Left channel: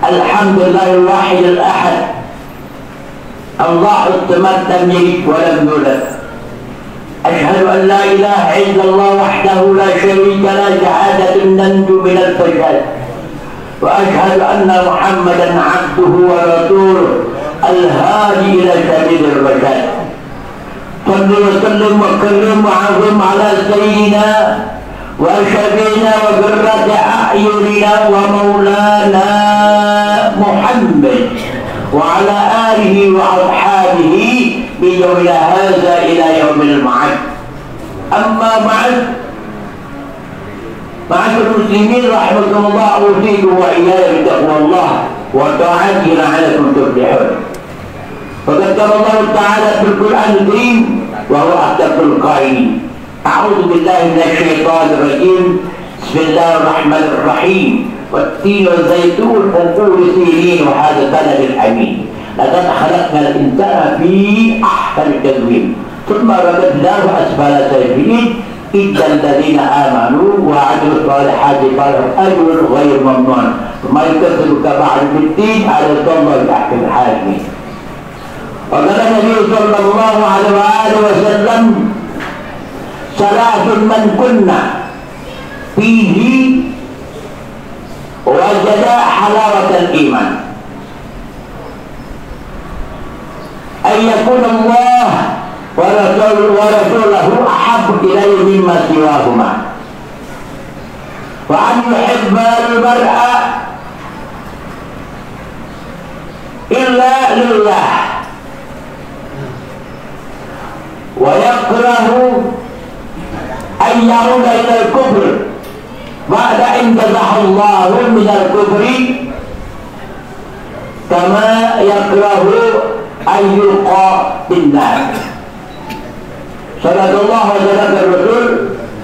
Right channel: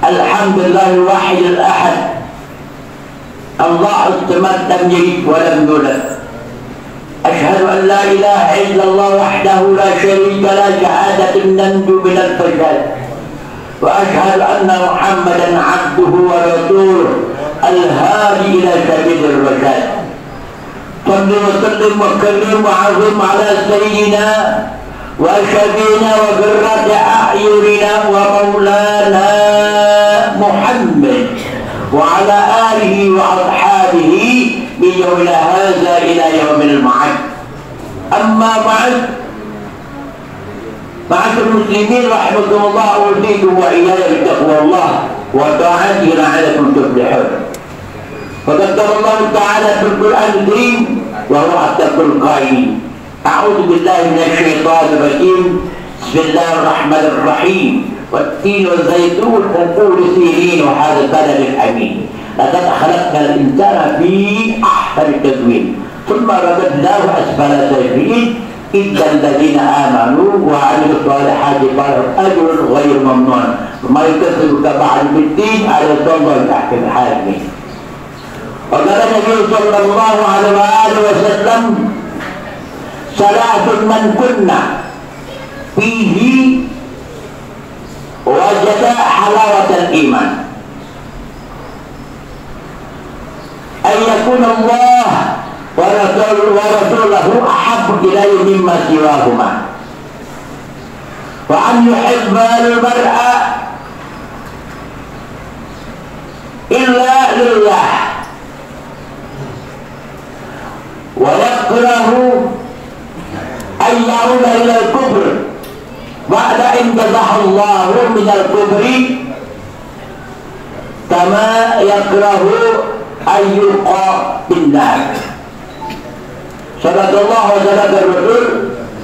Alhamdulillah al-wahid al-ahad, Allah as-samad lam yalid wa lam yulad. Asyhadu an la ilaha illallah wahdahu la syarika la, syahadatan nanju min al-fajr. Wa asyhadu anna Muhammadan abduhu wa rasuluh al-hadi ila sabilir rasyad. Sallu wa sallim wa karim wa azim ala sayyidina wa syafina wa qurrati a'yunina wa maulana Muhammad wa ala alihi wa ashabihi bi yawmina hadza ila yaumil ma'ad. Amma ba'd, ma'asyiral muslimin rahimakumullah, usikum wa iyyakum bitaqwallah wa ta'atihi la'allakum tuflihun. Faqad qala Allah ta'ala fil Qur'an al-Karim wa huwa asdaqul qailin. A'udzu billahi minasy syaithanir rajim. Bismillahir rahmanir rahim. والتين والزيتون وطور سينين وهذا البلد الامين. لقد خلقنا الانسان في احسن تقويم ثم رددناه اسفل سافلين الا الذين امنوا وعملوا الصالحات فلهم اجر غير ممنون وما يكذبك بعد بالدين على الله تحت الحاكمين. وقال النبي صلى الله عليه واله وسلم: ثلاث من كنا فيه وجد حلاوة الإيمان: أن يكون الله ورسوله أحب إليه مما سواهما، وأن يحب المرء إلا لله، ويكره أن يعود إلى الكفر بعد إن جزاه الله من الكفر كما يكره أن يلقى بالنار. صدق الله وصدق الرسول.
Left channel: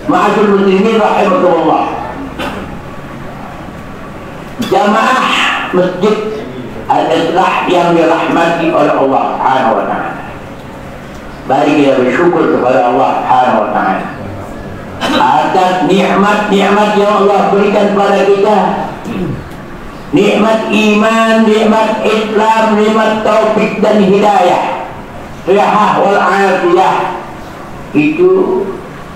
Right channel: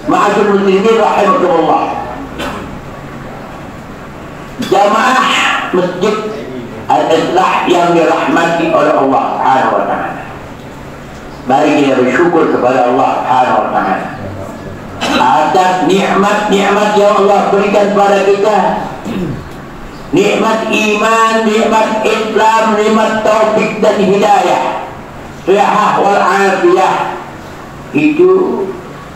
Ma'asyiral muslimin rahimakumullah, jamaah masjid al-Islah yang dirahmati oleh Allah Subhanahu wa taala, mari kita bersyukur kepada Allah Subhanahu wa taala atas nikmat-nikmat yang Allah berikan kepada kita. Nikmat iman, nikmat Islam, nikmat taufik dan hidayah, sihah wal afiyah. Itu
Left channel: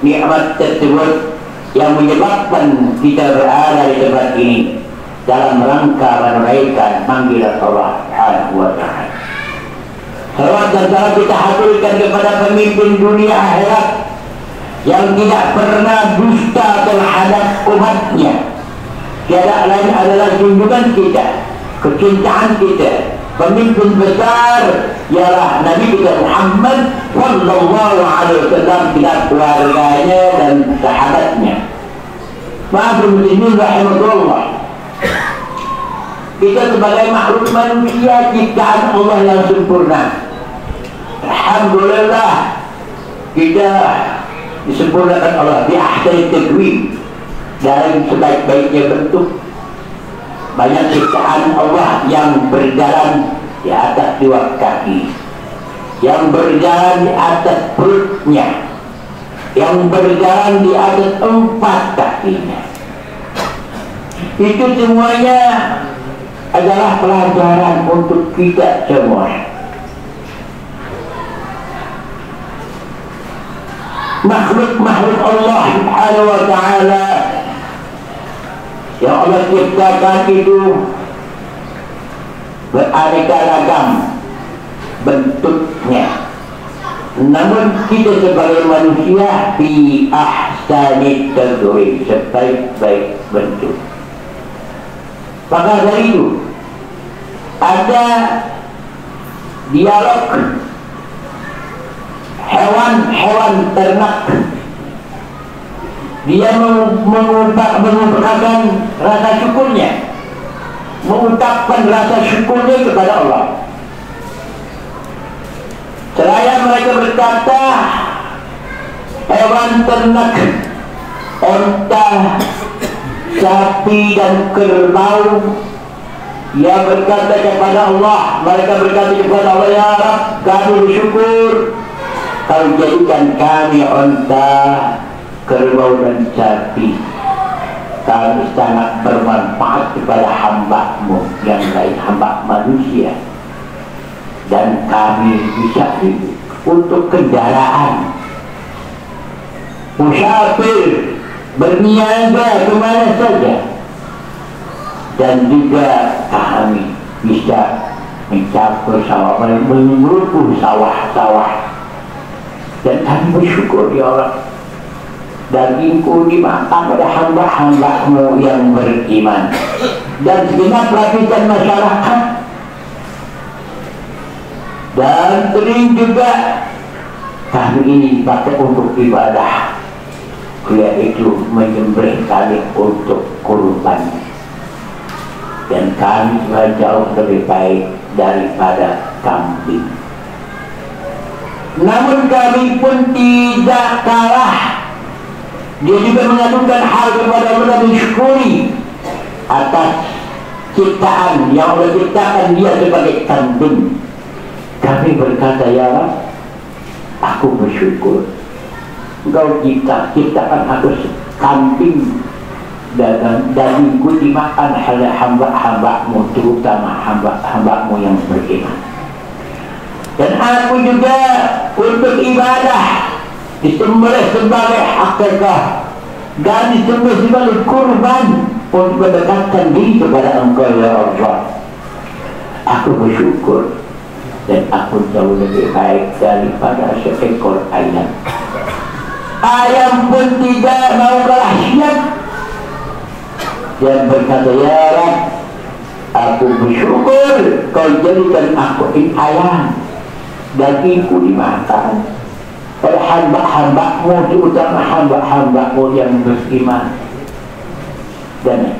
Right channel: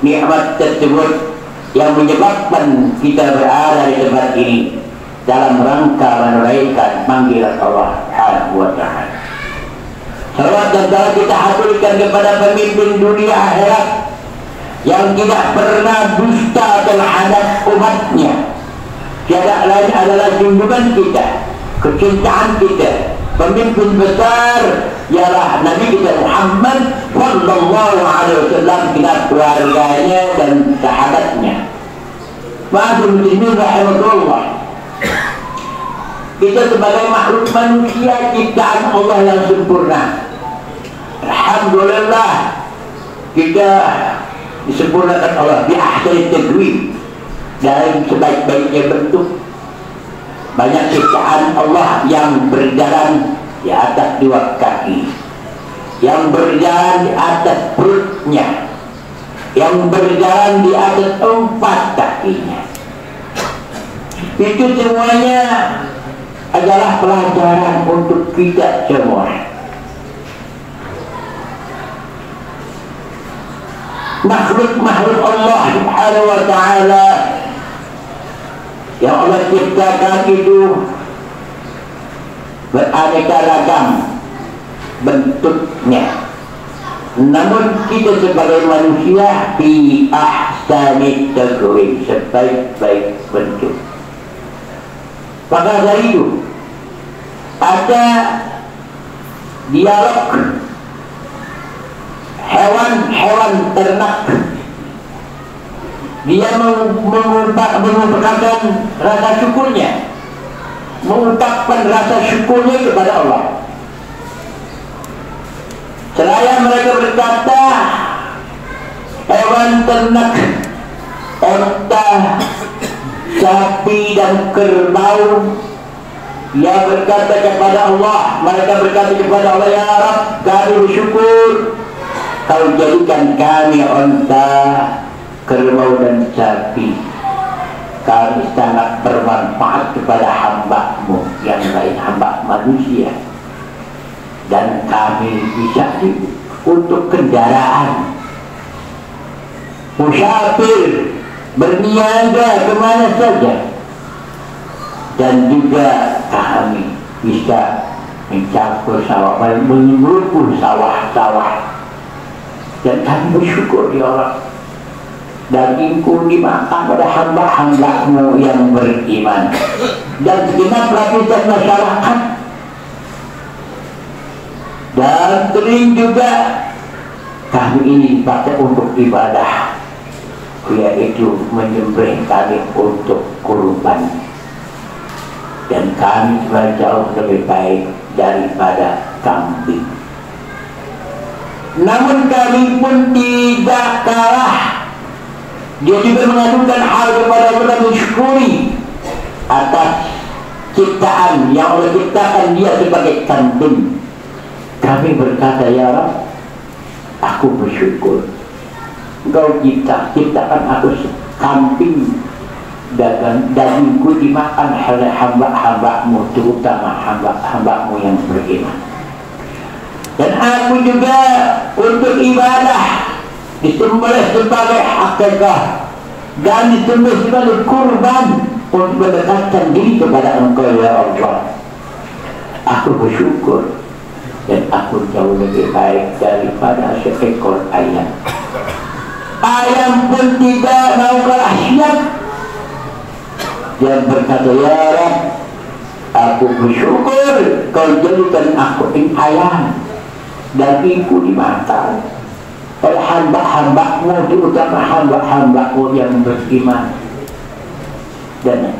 nikmat tersebut yang menyebabkan kita berada di tempat ini dalam rangka menunaikan panggilan Allah Subhanahu wa taala. Salawat dan salam kita haturkan kepada pemimpin dunia akhirat yang tidak pernah dusta terhadap umatnya. Tiada lain adalah junjungan kita, kecintaan kita, pemimpin besar ialah Nabi kita Muhammad sallallahu alaihi wasallam, kita keluarganya dan sahabatnya. Ma'asyiral muslimin rahimahullah, kita sebagai makhluk manusia ciptaan Allah yang sempurna. Alhamdulillah, kita disempurnakan Allah bi ahsani taqwim, dari sebaik-baiknya bentuk. Banyak ciptaan Allah yang berjalan di atas dua kaki, yang berjalan di atas perutnya, yang berjalan di atas empat kakinya. Itu semuanya adalah pelajaran untuk kita semua. Makhluk-makhluk Allah Subhanahu wa ta'ala yang Allah ciptakan itu beraneka ragam bentuknya, namun kita sebagai manusia fi ahsani taqwim, sebaik-baik bentuk. Maka dari itu ada dialog hewan-hewan ternak. Dia mengungkapkan rasa syukurnya, mengungkapkan rasa syukurnya kepada Allah. Seraya mereka berkata, hewan ternak, onta, sapi dan kerbau, dia berkata kepada Allah, mereka berkata kepada Allah, ya Rabb, kami bersyukur Kau jadikan kami onta, kerbau dan sapi. kami sangat bermanfaat kepada hamba-Mu yang lain, hamba manusia, dan kami bisa untuk kendaraan, musafir, berniaga kemana saja, dan juga kami bisa mencapai sawah, mengurusi sawah-sawah, dan kami bersyukur ya Allah, dagingku dimakan oleh hamba-hamba-Mu yang beriman dan segenap lapisan masyarakat, dan sering juga kami ini pakai untuk ibadah, yaitu menyembelih kali untuk kurban, dan kami jauh lebih baik daripada kambing. Namun kami pun tidak kalah. Dia juga mengadukan hal kepada Allah, mensyukuri atas ciptaan yang Allah ciptakan dia sebagai kambing. Kami berkata, ya Allah, aku bersyukur Engkau ciptakan aku kambing, dagingku dimakan oleh hamba-hamba-Mu, terutama hamba-hamba-Mu yang beriman. Dan aku juga untuk ibadah disembelih sebagai akikah, dan disembelih sebagai kurban untuk mendekatkan diri kepada Engkau ya Allah. Aku bersyukur, dan aku jauh lebih baik daripada seekor ayam. Ayam pun tidak mau kalah siap. Dia berkata, ya Allah, aku bersyukur Kau jadikan aku ini ayam, dagingku dimakan oleh hamba-hamba-Mu, terutama hamba-hamba-Mu yang beriman. Dan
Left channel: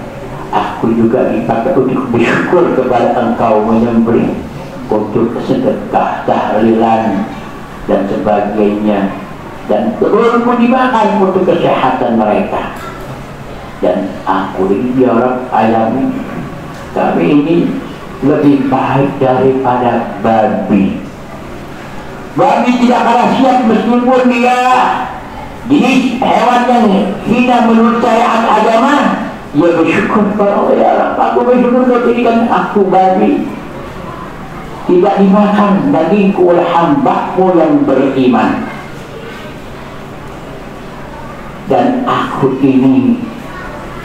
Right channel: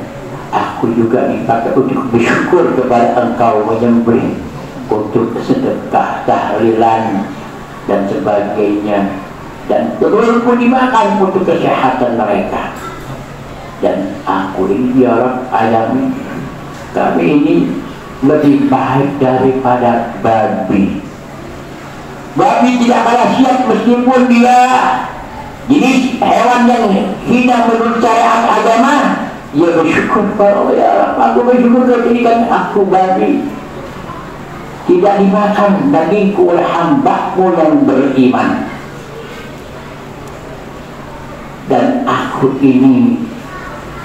aku juga dipakai untuk bersyukur kepada Engkau, menyembelih untuk sedekah, tahlilan, dan sebagainya, dan telurku dimakan untuk kesehatan mereka. Dan aku ini ya Allah, ayam kami ini lebih baik daripada babi. Babi tidak kalah siap meskipun dia jenis hewan yang hina menurut syariat agama. Ia bersyukur kalau ya aku bersyukur kalau jadikan aku babi, tidak dimakan dagingku oleh hamba-Mu yang beriman. Dan aku ini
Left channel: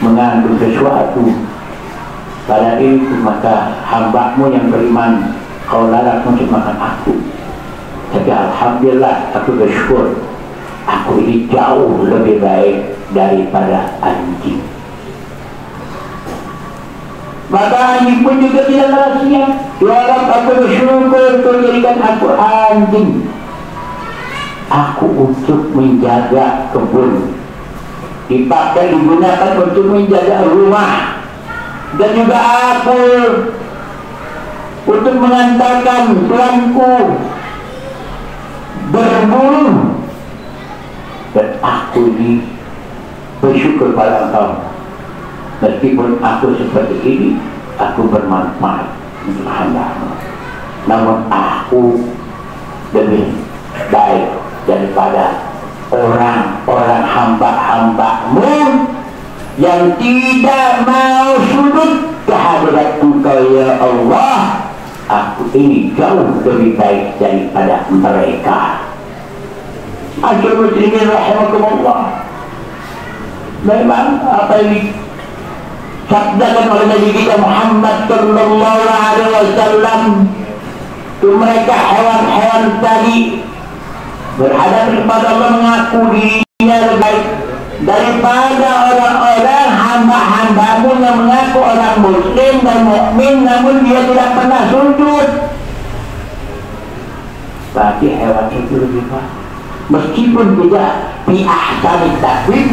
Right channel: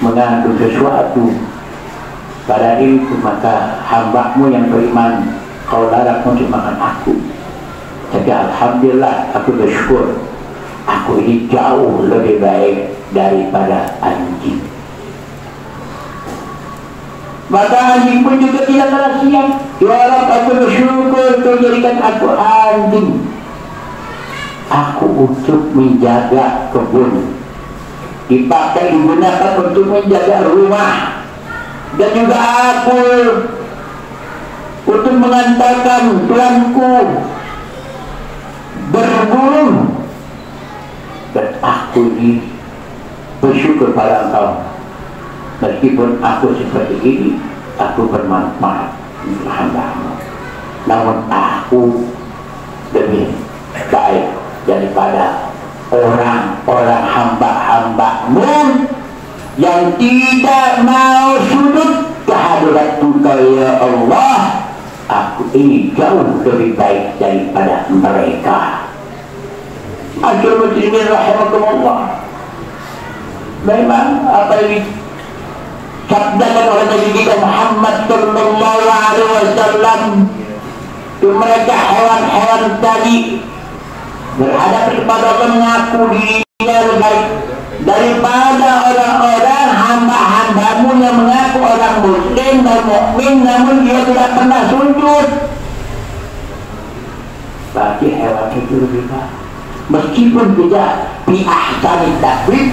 mengandung sesuatu pada diriku, maka hamba-Mu yang beriman Kau larang untuk makan aku. Tapi alhamdulillah aku bersyukur, aku ini jauh lebih baik daripada anjing. Maka anjing pun juga tidak kalah siap. Ya Allah, aku bersyukur Kau jadikan aku anjing. Aku untuk menjaga kebun, dipakai digunakan untuk menjaga rumah, dan juga aku untuk mengantarkan tuanku berburu. Dan aku ini bersyukur pada Engkau, meskipun aku seperti ini, aku bermanfaat untuk hamba-Mu. Namun aku lebih baik daripada orang-orang hamba-hamba-Mu yang tidak mau sujud kehadirat Engkau ya Allah. Aku ini jauh lebih baik daripada mereka. Akhirul muslimin rahimakumullah, memang apa yang disabdakan oleh Nabi kita Muhammad sallallahu alaihi wasallam itu mereka hewan-hewan tadi berhadapan kepada Allah mengaku dirinya lebih baik daripada orang-orang hamba-hamba-Mu yang mengaku orang muslim dan mukmin, namun dia tidak pernah sujud. Bagi hewan itu lebih baik, meskipun tidak bi ahsani taqwim,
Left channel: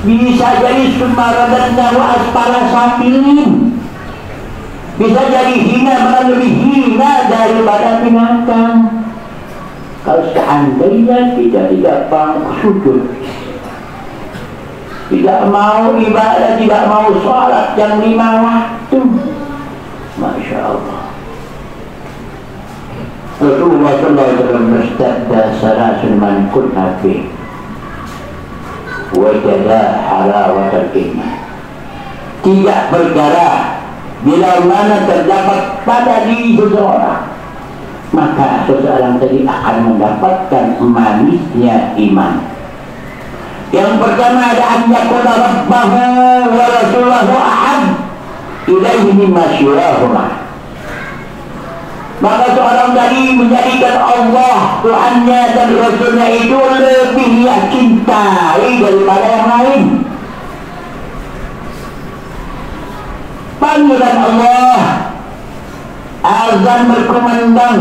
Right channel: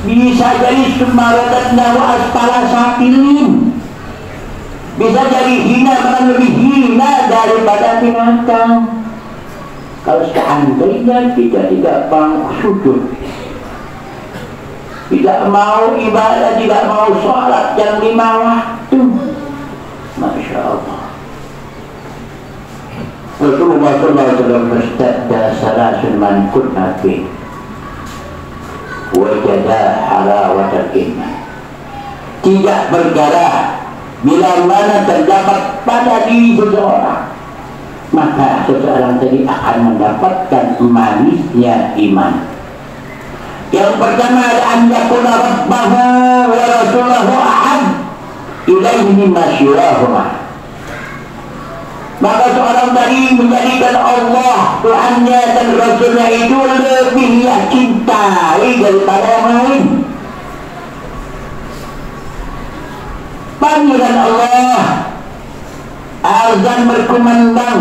bisa jadi sumaradatna wa asfala safilin, bisa jadi hina, bahkan lebih hina daripada binatang. Kalau seandainya kita tidak mau sujud, tidak mau ibadah, tidak mau sholat yang 5 waktu, Masya Allah. Rasulullah SAW bersabda, salasun man kunna fi wajada halawatal iman. tidak berdarah, bila mana terdapat pada diri seseorang, maka seseorang tadi akan mendapatkan manisnya iman. Yang pertama ada an yakuna rabbahu wa rasulahu ahad ilaihi mimma syurahuma. Maka seorang tadi menjadikan Allah, Tuhannya dan Rasulnya itu lebih dia cintai daripada yang lain. Panggilan Allah, azan berkumandang,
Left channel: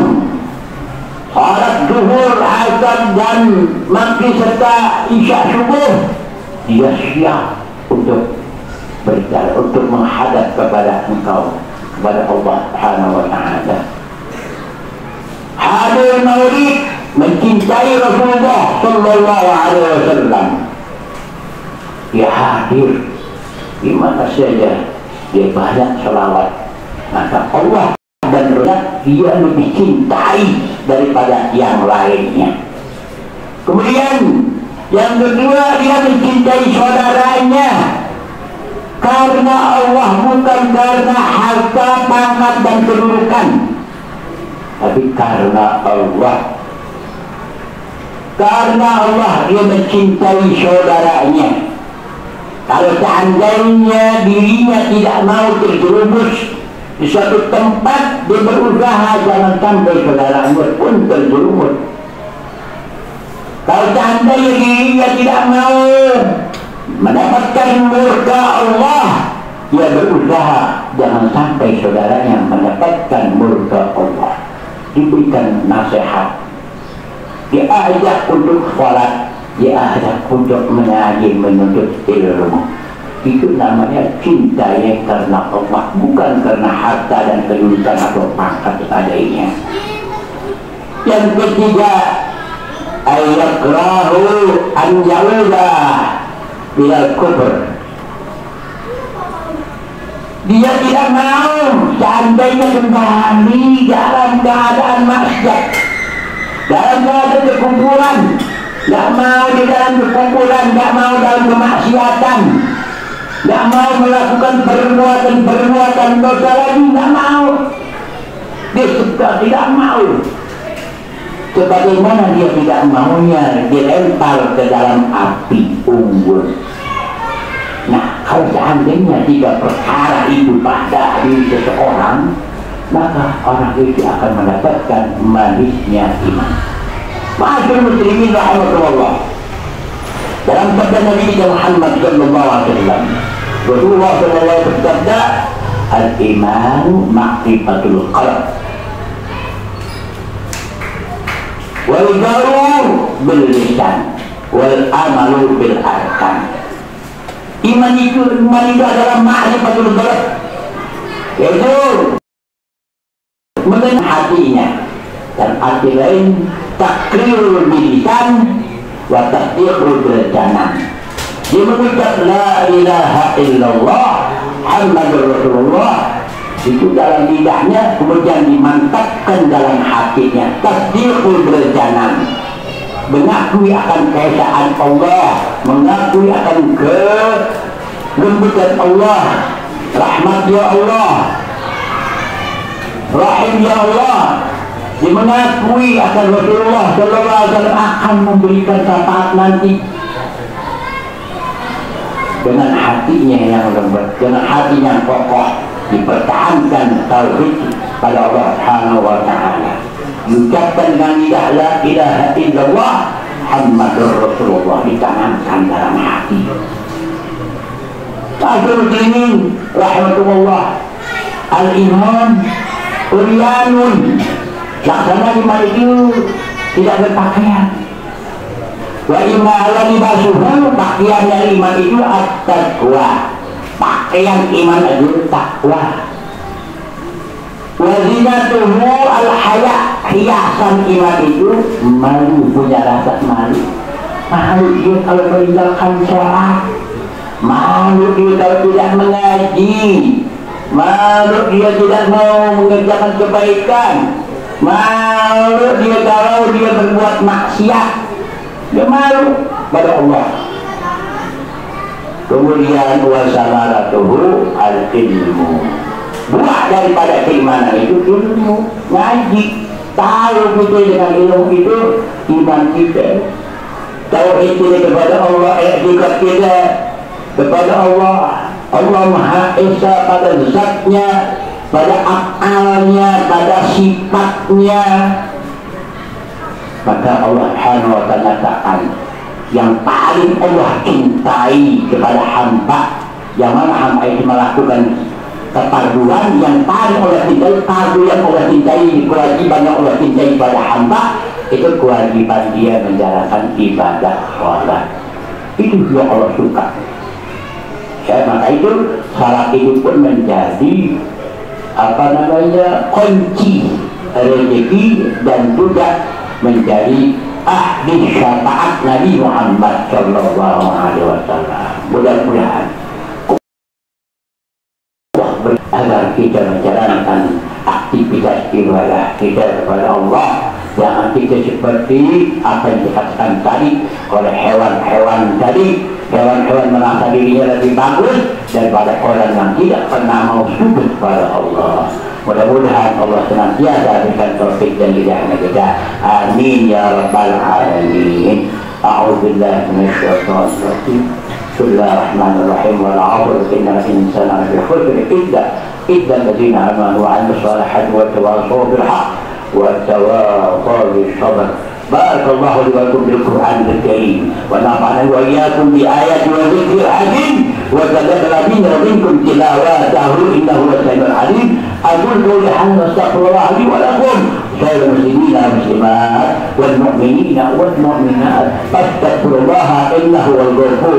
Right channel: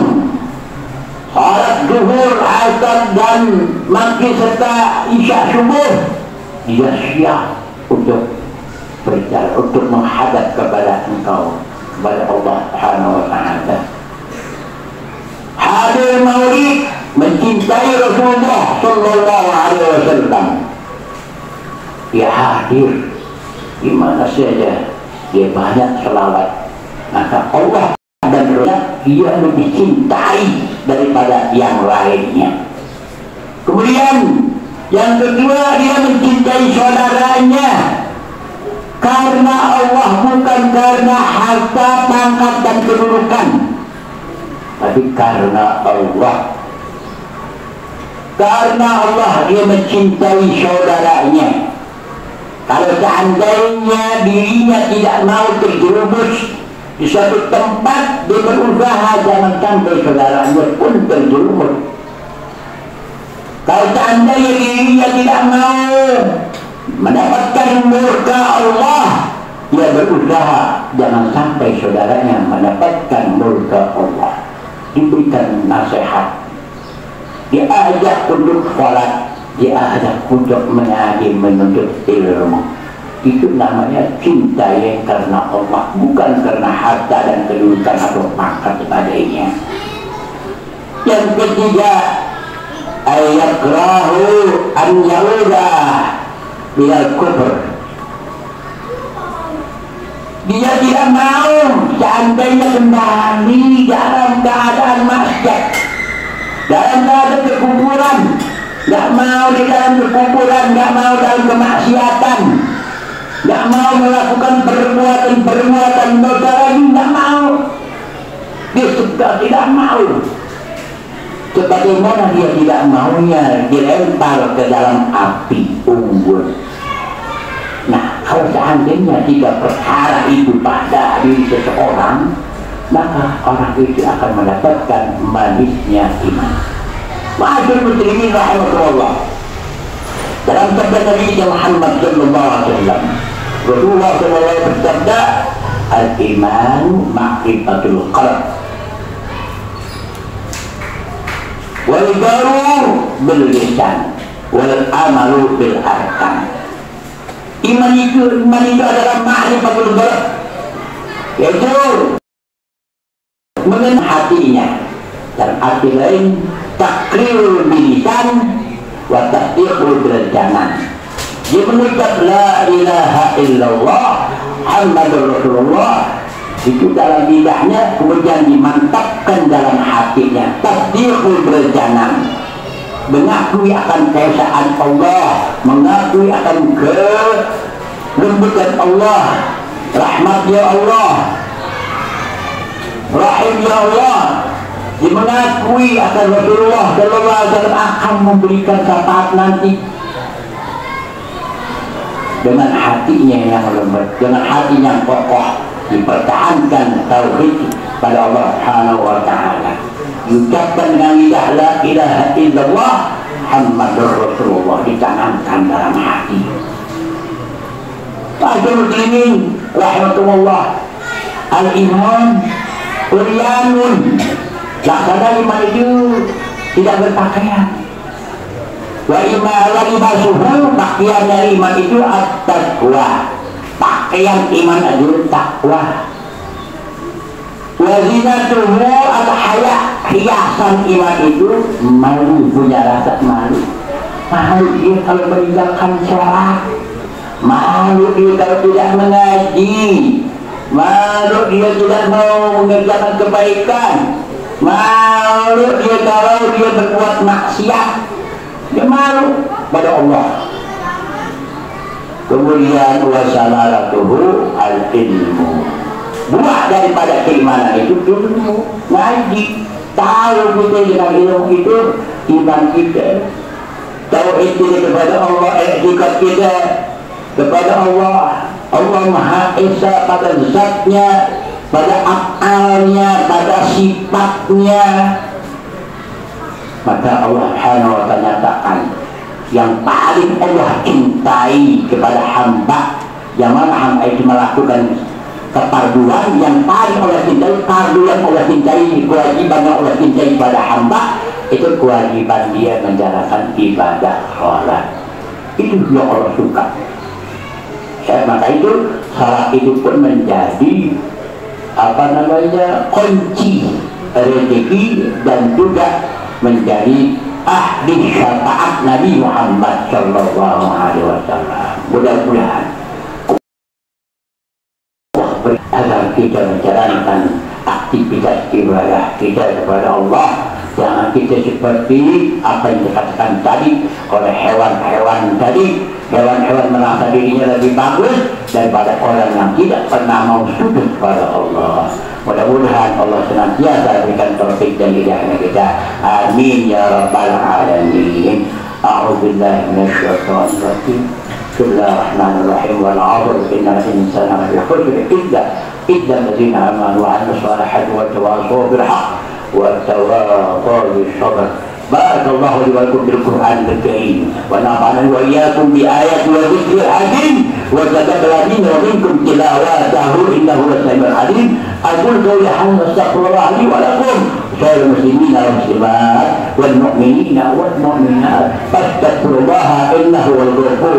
salat zuhur, asar dan maghrib serta isya subuh, dia siap untuk berjalan, untuk menghadap kepada engkau, kepada Allah Subhanahu wa Ta'ala. Hadir maulid, mencintai Rasulullah Sallallahu Alaihi Wasallam. Dia hadir di mana saja, dia banyak selawat, maka Allah dan Rasulullah dia lebih cintai daripada yang lainnya. Kemudian yang kedua, dia mencintai saudaranya karena Allah, bukan karena harta, pangkat dan kedudukan, tapi karena Allah. Karena Allah dia mencintai saudaranya. Kalau seandainya dirinya tidak mau terjerumus di suatu tempat, dia berusaha jangan sampai saudaranya pun terjerumus. Kalau seandainya dirinya tidak mau mendapatkan murka Allah, dia berusaha jangan sampai saudaranya mendapatkan murka Allah. Diberikan nasihat, dia ajak untuk sholat, dia ajak untuk mengaji, menuntut ilmu. Itu namanya cinta yang karena Allah, bukan karena harta dan kedudukan atau pangkat adanya. Yang ketiga, ayakrahu an yauda bilal kufur. Dia tidak mau seandainya kembali dalam keadaan maksiat, dalam keadaan kekufuran. Tidak mau di dalam kekufuran, tidak mau dalam kemaksiatan, tidak mau melakukan perbuatan dosa lagi, tidak mau. Dia sudah tidak mau. Sebagaimana dia tidak maunya dilempar ke dalam api unggun. Nah, kalau seandainya tiga perkara itu pada diri seseorang, maka orang itu akan mendapatkan manisnya iman. Ma'asyiral muslimin rahimahullah. Dalam sabda Nabi Muhammad sallallahu alaihi wasallam, Rasulullah sallallahu alaihi wasallam bersabda, al-imanu ma'rifatul qalb wal jaru bil lisan wal amalu bil arkan. Iman itu adalah ma'rifatul qalb, yaitu mengenai hatinya, dan arti lain takrir bilisan wa tasdiqul bil janan. Dia mengucap la ilaha illallah Muhammadur Rasulullah itu dalam lidahnya, kemudian dimantapkan dalam hatinya, tasdiqul bil janan, mengakui akan keesaan Allah, mengakui akan kelembutan Allah, rahmat ya Allah, rahim ya Allah. Dia mengakui akan Rasulullah sallallahu alaihi wasallam akan memberikan syafaat nanti. Dengan hatinya yang lembut, dengan hati yang kokoh, dipertahankan tauhid pada Allah Subhanahu wa Ta'ala. Diucapkan dengan lidah la ilaha illallah Muhammadur Rasulullah, ditanamkan dalam hati. Ma'asyiral muslimin rahimahullah, al-iman uryanun. Laksana iman itu tidak berpakaian. Wa inna ala libasuhu, pakaiannya iman itu at-taqwa. Pakaian iman itu takwa. Wa zinatuhu al-haya, hiasan iman itu malu, punya rasa malu. Malu dia kalau meninggalkan sholat, malu dia kalau tidak mengaji, malu dia tidak mau mengerjakan kebaikan, malu dia kalau dia berbuat maksiat. Dia malu pada Allah. Kemudian wasamaratuhu al-ilmu. Buah daripada keimanan itu ilmu, ngaji. Tahu kita dengan ilmu itu iman kita. Tauhid kita kepada Allah, i'tiqad kita kepada Allah. Allah Maha Esa pada zatnya, pada af'alnya, pada sifatnya. Maka Allah Subhanahu wa ta'ala nyatakan yang paling Allah cintai kepada hamba, yang mana hamba itu melakukan keparduan yang paling Allah cintai, fardu yang Allah cintai, kewajiban yang Allah cintai pada hamba, itu kewajiban dia menjalankan ibadah sholat. Itu yang Allah suka. Maka itu salat itu pun menjadi kunci rezeki dan juga menjadi ahli syafaat Nabi Muhammad Sallallahu Alaihi Wasallam. Mudah-mudahan agar kita menjalankan aktivitas ibadah kita kepada Allah, jangan kita seperti apa yang dikatakan tadi oleh hewan-hewan tadi. Hewan-hewan merasa dirinya lebih bagus daripada orang yang tidak pernah mau sujud kepada Allah. Mudah-mudahan Allah senantiasa berikan taufik dan hidayahnya kita. Amin ya rabbal alamin. A'udzubillahi minasyaitonir rajim. Bismillahirrahmanirrahim. Wal 'asr innal insana lafi khusr illa alladziina aamanu wa 'amilus shalihati wa tawassaw bil haqq wa tawassaw bis sabr. بارك الله لي ولكم بالقرآن الكريم ونفعني وإياكم بآيات والذكر الحكيم وتقبل منا ومنكم تلاوته إنه هو السميع العليم. أقول قولي هذا واستغفر الله لي ولكم سائر المسلمين والمسلمات والمؤمنين والمؤمنات فاستغفروا الله إنه هو الغفور